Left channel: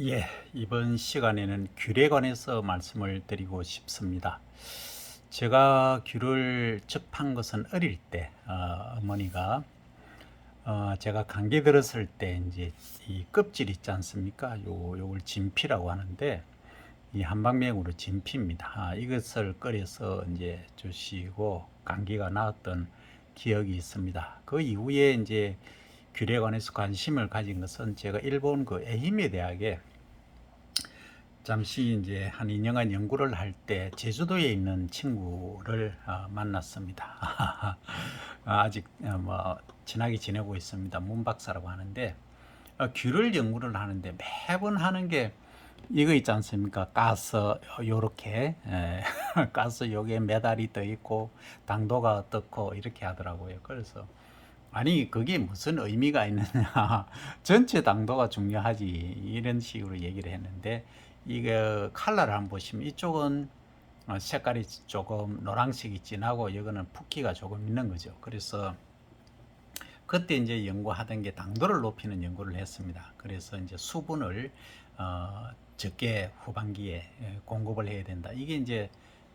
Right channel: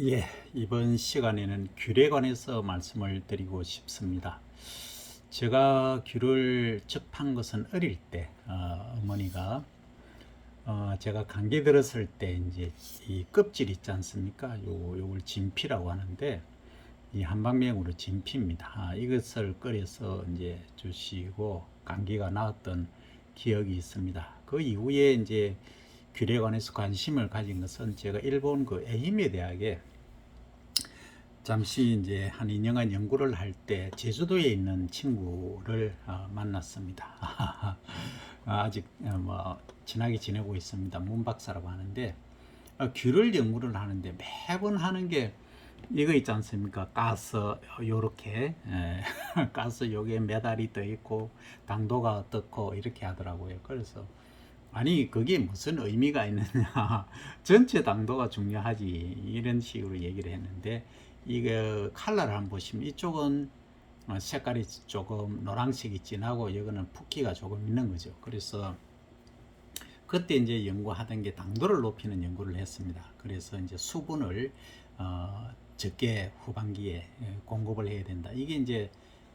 예, 이번 시간에는 귤에 관해서 말씀을 드리고 싶습니다. 제가 귤을 접한 것은 어릴 때, 어머니가 제가 감기 들었을 때 이제 이 껍질 있지 않습니까? 요걸 진피라고 하는데 이 한방맥으로 진피입니다. 이것을 끓여서 이제 주시고 감기가 나았던 기억이 있습니다. 그 이후에 이제 귤에 관해서 관심을 가진 것은 제가 일본 그 에히메 대학에 잠시 이제 한 2년간 연구를 할 때 제주도에 있는 친구를 만났습니다. 아직 뭐 친하게 지내고 있습니다. 문 박사라고 하는데 귤을 연구를 하는데 매번 하는 게 이거 있지 않습니까? 가스 요렇게 가스 요게 메달이 떠 있고 당도가 어떻고 이렇게 하더라고요. 그래서 아니 그게 무슨 의미가 있느냐 전체 당도가 중요하지 이런 식으로 얘기를 했는데 이게 컬러를 한번 보시면 이쪽은 색깔이 조금 노란색이 진하고 이거는 붓기가 조금 있는 거죠. 그래서 그때 이제 연구하던 게 당도를 높이는 연구를 했습니다. 그래서 이제 수분을 적게 후반기에 공급을 해야 된다. 이게 이제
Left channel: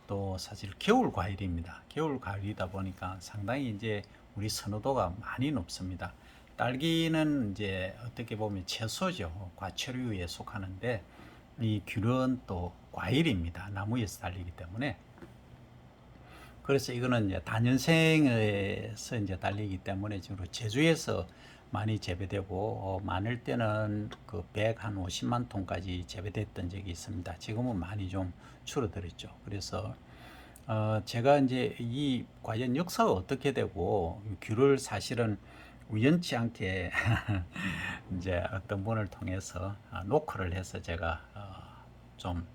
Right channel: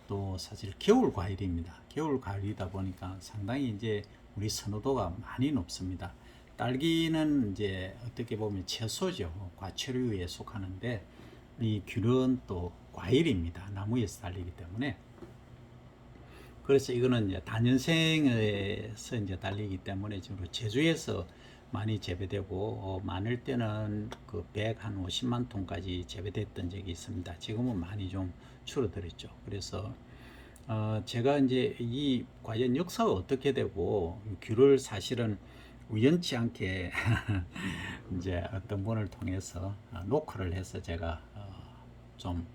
또 사실 겨울 과일입니다. 겨울 과일이다 보니까 상당히 이제 우리 선호도가 많이 높습니다. 딸기는 이제 어떻게 보면 채소죠. 과채류에 속하는데 이 귤은 또 과일입니다. 나무에서 달리기 때문에. 그래서 이거는 이제 다년생에서 이제 달리기 때문에 지금 제주에서 많이 재배되고 많을 때는 그 150만 톤까지 재배됐던 적이 있습니다. 지금은 많이 좀 줄어들었죠. 그래서 제가 이제 이 과연 역사가 어떻게 되고 귤을 사실은 우연치 않게 이제 어떤 분을 통해서 노크를 해서 제가 좀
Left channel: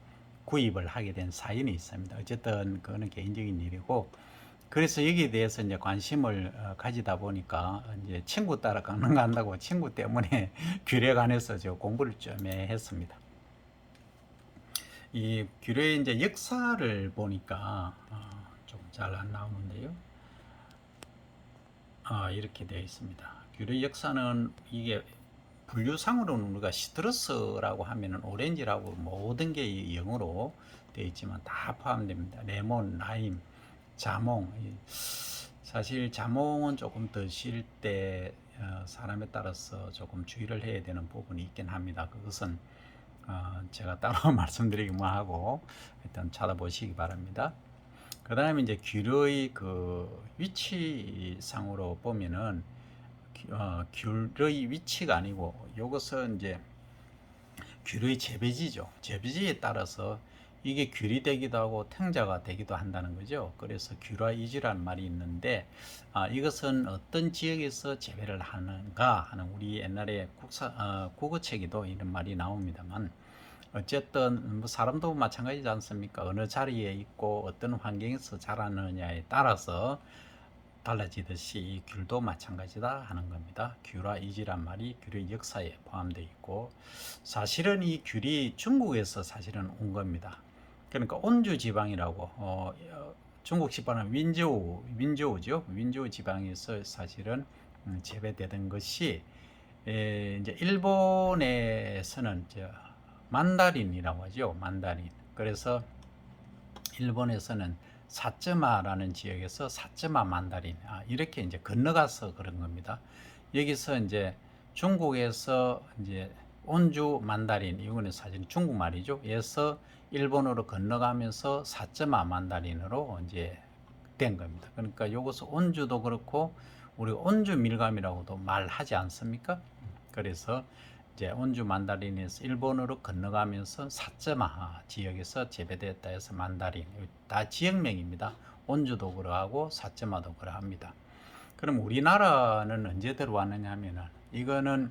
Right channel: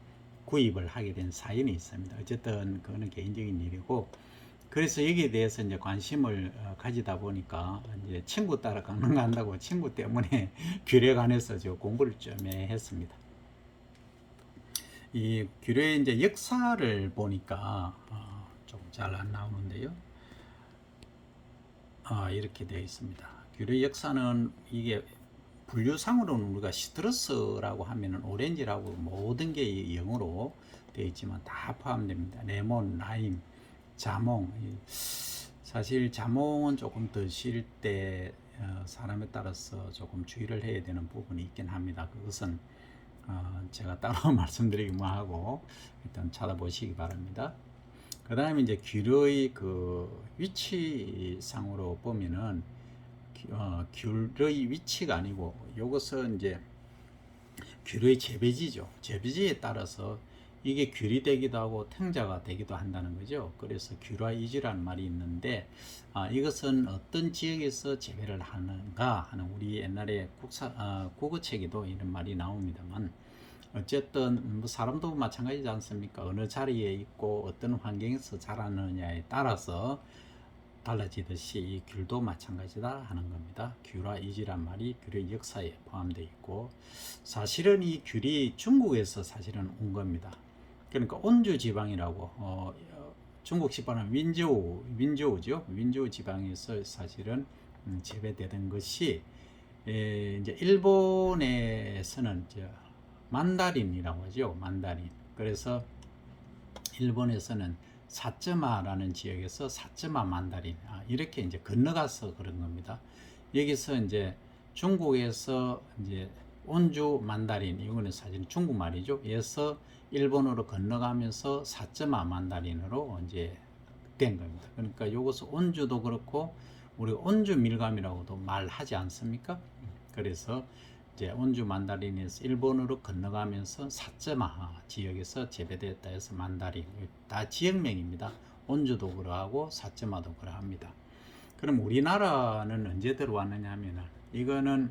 구입을 하게 된 사연이 있습니다. 어쨌든 그거는 개인적인 일이고 그래서 여기에 대해서 이제 관심을 가지다 보니까 이제 친구 따라 강남 간다고 친구 때문에 귤에 관해서 저 공부를 좀 했습니다. 이 귤의 이제 역사를 보니까 좀 잘 안 나오는데요. 이렇게 되어 있습니다. 귤의 역사는 이게 분류상으로는 우리가 시트러스라고 하면은 오렌지라고 모든 게 영어로 되어 있지만 다 포함됩니다. 레몬, 라임, 자몽. 사실 자몽은 조금 드실 때 사람에 따라서 조금 주의를 해야 되는 부분이 있긴 합니다. 그것은 제가 따로 말씀드리기 뭐하고 일단 찾아보시기 바랍니다. 그 다음에 이제 귤의 그 위치상으로 보면은 귤의 위치가 아니고 이것은 이제 귤의 재배지죠. 재배지에 따라서 이게 귤이 되기도 하고 탱자가 되기도 한다는 거죠. 그래서 귤화이지라는 말이 있는데 이것은 어떤 지역에서 재배를 하는가 하는 우리 옛날에 국어책에도 이런 말이 나옵니다만 어쨌든 뭐 사람도 마찬가지지 않습니까? 어느 자리에 있고 어떤 환경에서 자라느냐에 따라서 달라지듯이 이 귤도 마찬가지다 하는 겁니다. 귤화 이지란 말이 귤의 역사에 포함되어 있고 사실은 이 귤이 중국에서 사실은 온 겁니다. 그러니까 온주 지방이라고 중국 지방은 윈저우죠. 윈저우 지방에서 사실은 재배되던 것이 이제 일본에서는 이제 만다린이라고 하죠. 만다린. 그래서 일본에서는 사츠마라는 지역에서 사츠마 만다린 이렇게 이제 건너가서 그런 겁니다. 여기서 이제 중국에서 이제 온주 만다린 이거는 사실 중국말이죠. 에서 일본으로 건너가면서 사츠마 만다린으로 이제 된 겁니다. 그러니까 이것은 온주도 그렇고 우리가 온주 밀감이라고도 말하지 않습니까? 그래서 이제 온주 만다린에서 일본으로 건너가면서 사츠마 지역에서 재배됐다 해서 만다린 다 지역명입니다. 온주도 그러하고 사츠마도 그러합니다. 그럼 우리나라는 언제 들어왔느냐 하면은 이거는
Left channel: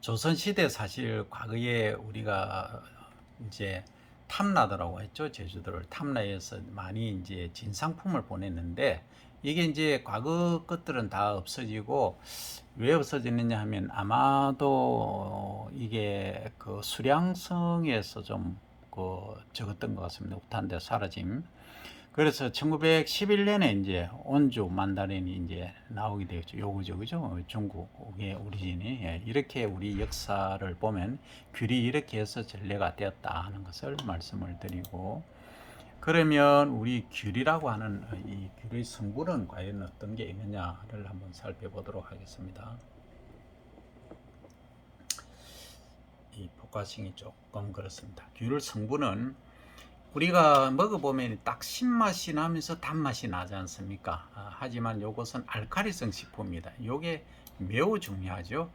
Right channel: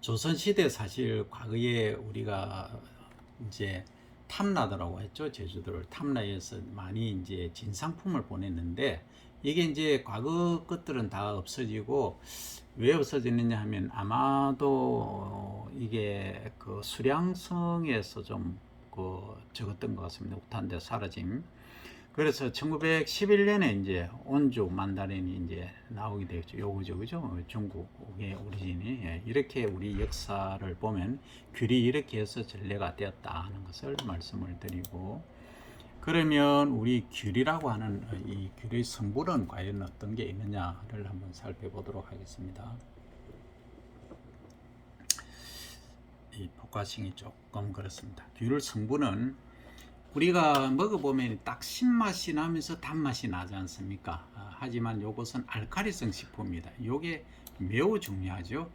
조선시대 사실 과거에 우리가 이제 탐라더라고 했죠. 제주도를 탐라해서 많이 이제 진상품을 보냈는데 이게 이제 과거 것들은 다 없어지고 왜 없어지느냐 하면 아마도 이게 그 수량성에서 좀 그 적었던 것 같습니다. 우탄데 사라짐. 그래서 1911년에 이제 온주 만다린이 이제 나오게 되었죠. 요거죠, 그죠? 중국의 오리진이. 예, 이렇게 우리 역사를 보면 귤이 이렇게 해서 전래가 되었다 하는 것을 말씀을 드리고, 그러면 우리 귤이라고 하는 이 귤의 성분은 과연 어떤 게 있느냐를 한번 살펴보도록 하겠습니다. 이 포커싱이 조금 그렇습니다. 귤 성분은 우리가 먹어보면 딱 신맛이 나면서 단맛이 나지 않습니까? 하지만 이것은 알칼리성 식품입니다. 이게 매우 중요하죠.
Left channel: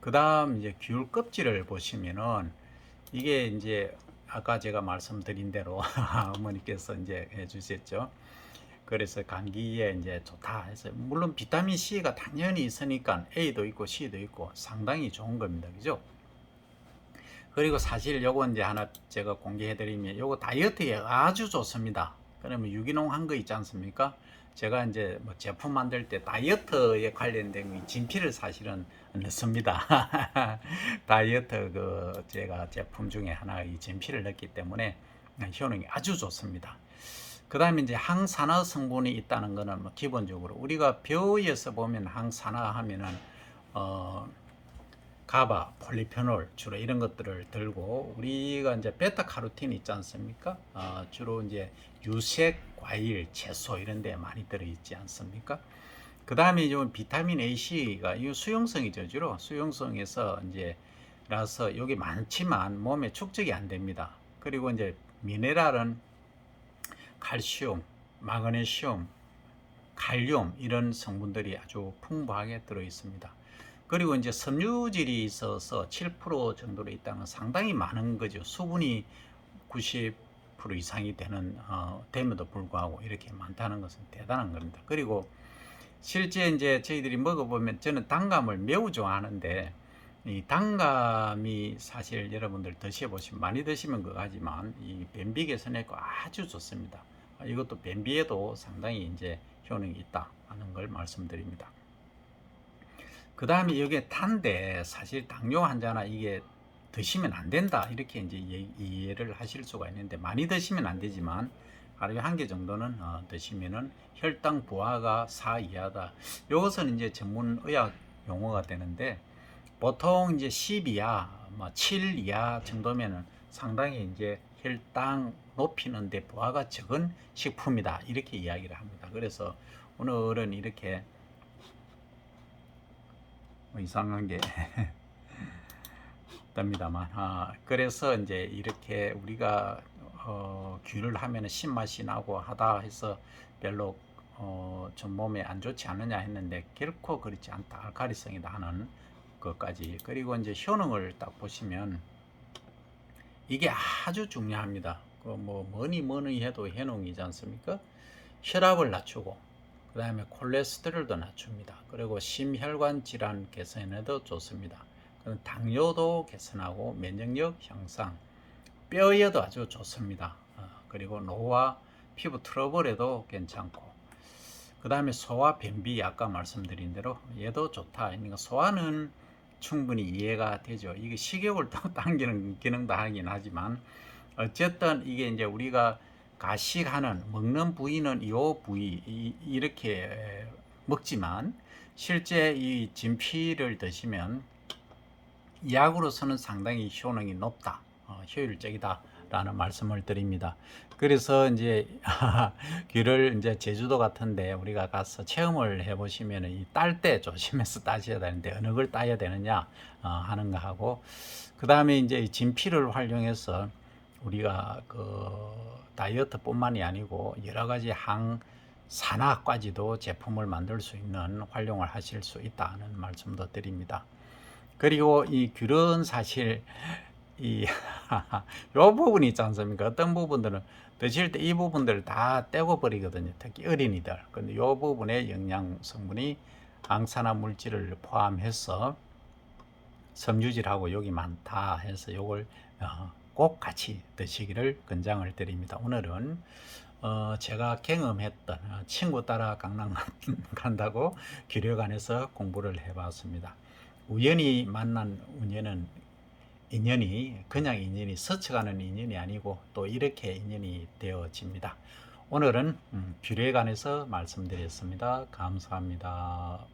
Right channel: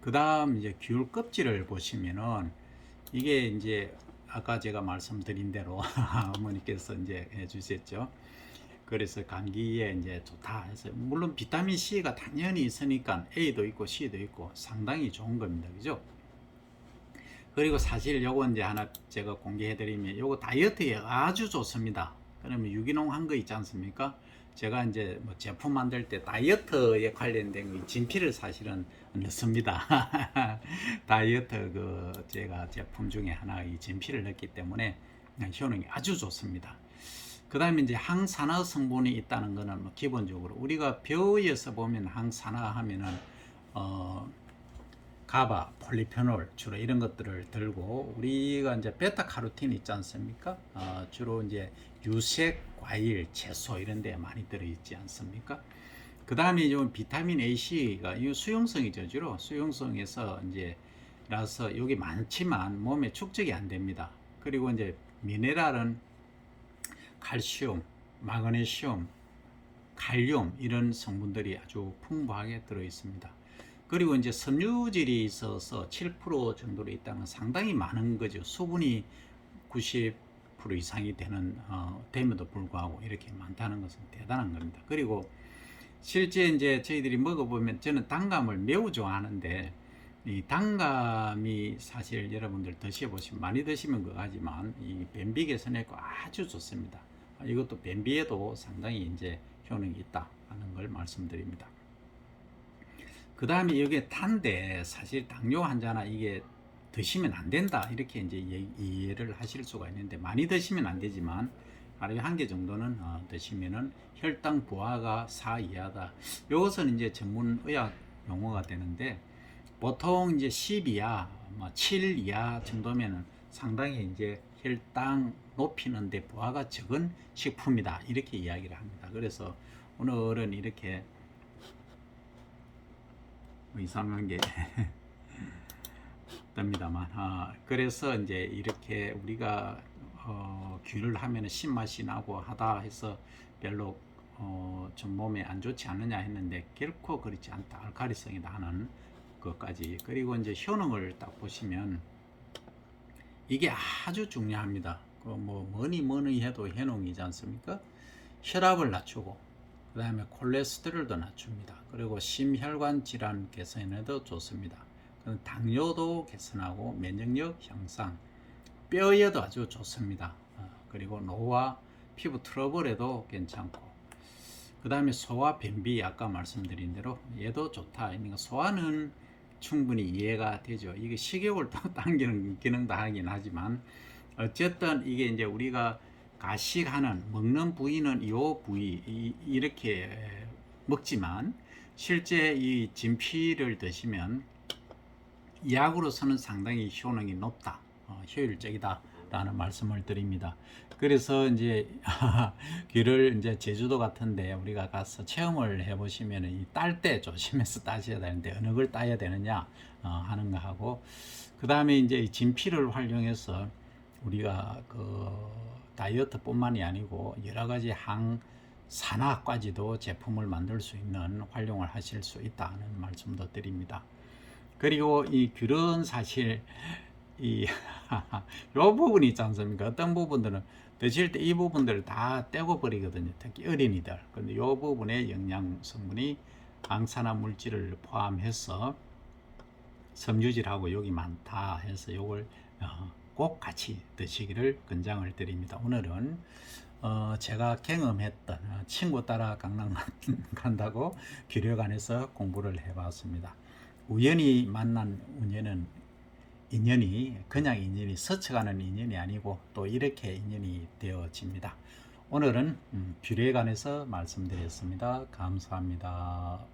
그 다음 이제 귤 껍질을 보시면은 이게 이제 아까 제가 말씀드린 대로 어머니께서 이제 해주셨죠. 그래서 감기에 이제 좋다 해서, 물론 비타민 C가 당연히 있으니까 A도 있고 C도 있고 상당히 좋은 겁니다. 그죠? 그리고 사실 요거 이제 하나 제가 공개해드리면 요거 다이어트에 아주 좋습니다. 그러면 유기농 한 거 있지 않습니까? 제가 이제 뭐 제품 만들 때 다이어트에 관련된 진피를 사실은 넣습니다. 다이어트 그 제가 제품 중에 하나 이 진피를 넣기 때문에 효능이 아주 좋습니다. 그 다음에 이제 항산화 성분이 있다는 거는 뭐 기본적으로 우리가 벼에서 보면 항산화 하면은 가바, 폴리페놀 주로 이런 것들을 들고, 우리가 이제 베타카로틴 있지 않습니까? 주로 이제 유색, 과일, 채소 이런 데 많이 들어 있지 않습니까? 그 다음에 좀 비타민 A, C가 이 수용성이죠. 주로 수용성에서 이제 라서 여기 많지만 몸에 축적이 안 됩니다. 그리고 이제 미네랄은 칼슘, 마그네슘, 칼륨 이런 성분들이 아주 풍부하게 들어 있습니다. 그리고 이제 섬유질이 있어서 7% 정도로 있다면 상당히 많은 거죠. 수분이 90% 이상이 됨에도 불구하고 이렇게 많다는 것은 대단한 겁니다. 그리고 실제 이제 저희들이 먹어보면, 저는 단감을 매우 좋아하는데, 이 단감이 사실 여러분들 드셔보시면, 많이 드시면 그거지만 이 변비 개선에 아주 좋습니다. 이것도 변비에도 상당히 이제 효능이 있다 하는 걸 말씀드립니다. 그 다음에 이게 탄데, 사실 당뇨 환자나 이게 드시면 안 된다 이렇게 이제 이해를 하실 수가 있는데, 많이 드시면 안 되지만 하루에 한 개 정도는 드시면은 혈당 부하가 4 이하다. 이것은 이제 전문 의학 용어가 되는데, 보통 이제 10 이하, 뭐 7 이하 정도면은 상당히 이제 혈당 높이는데 부하가 적은 식품이다 이렇게 이야기를 합니다. 그래서 오늘은 이렇게 이상한 게 납니다만, 그래서 이제 이렇게 우리가 귤을 하면 신맛이 나고 하다 해서 별로 좀 몸에 안 좋지 않느냐 했는데, 결코 그렇지 않다. 알칼리성이다 하는 것까지. 그리고 이제 효능을 딱 보시면 이게 아주 중요합니다. 그 뭐 뭐니 해도 효능이지 않습니까? 혈압을 낮추고, 그 다음에 콜레스테롤도 낮춥니다. 그리고 심혈관 질환 개선에도 좋습니다. 당뇨도 개선하고 면역력 향상, 뼈에도 아주 좋습니다. 그리고 노화, 피부 트러블에도 괜찮고, 그 다음에 소화 변비 아까 말씀드린 대로 얘도 좋다. 그러니까 소화는 충분히 이해가 되죠. 이게 식욕을 당기는 기능도 하긴 하지만, 어쨌든 이게 이제 우리가 가식하는 먹는 부위는 이 부위 이렇게 먹지만, 실제 이 진피를 드시면 약으로서는 상당히 효능이 높다, 효율적이다라는 말씀을 드립니다. 그래서 이제 귤을 이제 제주도 같은데 우리가 가서 체험을 해보시면 이 딸 때 조심해서 따셔야 되는데, 어느 걸 따야 되느냐 하는 거 하고, 그 다음에 이제 진피를 활용해서 우리가 그 다이어트뿐만이 아니고 여러 가지 항산화까지도 제품을 만들 수 있는 활용을 하실 수 있다는 말씀도 드립니다. 그리고 이 귤은 사실 이 요 부분이 있지 않습니까? 어떤 부분들은 드실 때 이 부분들을 다 떼고 버리거든요. 특히 어린이들. 근데 요 부분에 영양 성분이 항산화 물질을 포함해서 섬유질하고 여기 많다 해서 요걸 꼭 같이 드시기를 권장을 드립니다. 오늘은 제가 경험했던, 친구 따라 강남 간다고 귤여관에서 공부를 해봤습니다. 우연히 만난 인연이 그냥 인연이 스쳐가는 인연이 아니고 또 이렇게 인연이 되어집니다. 오늘은 귤에 관해서 말씀드렸습니다. 감사합니다.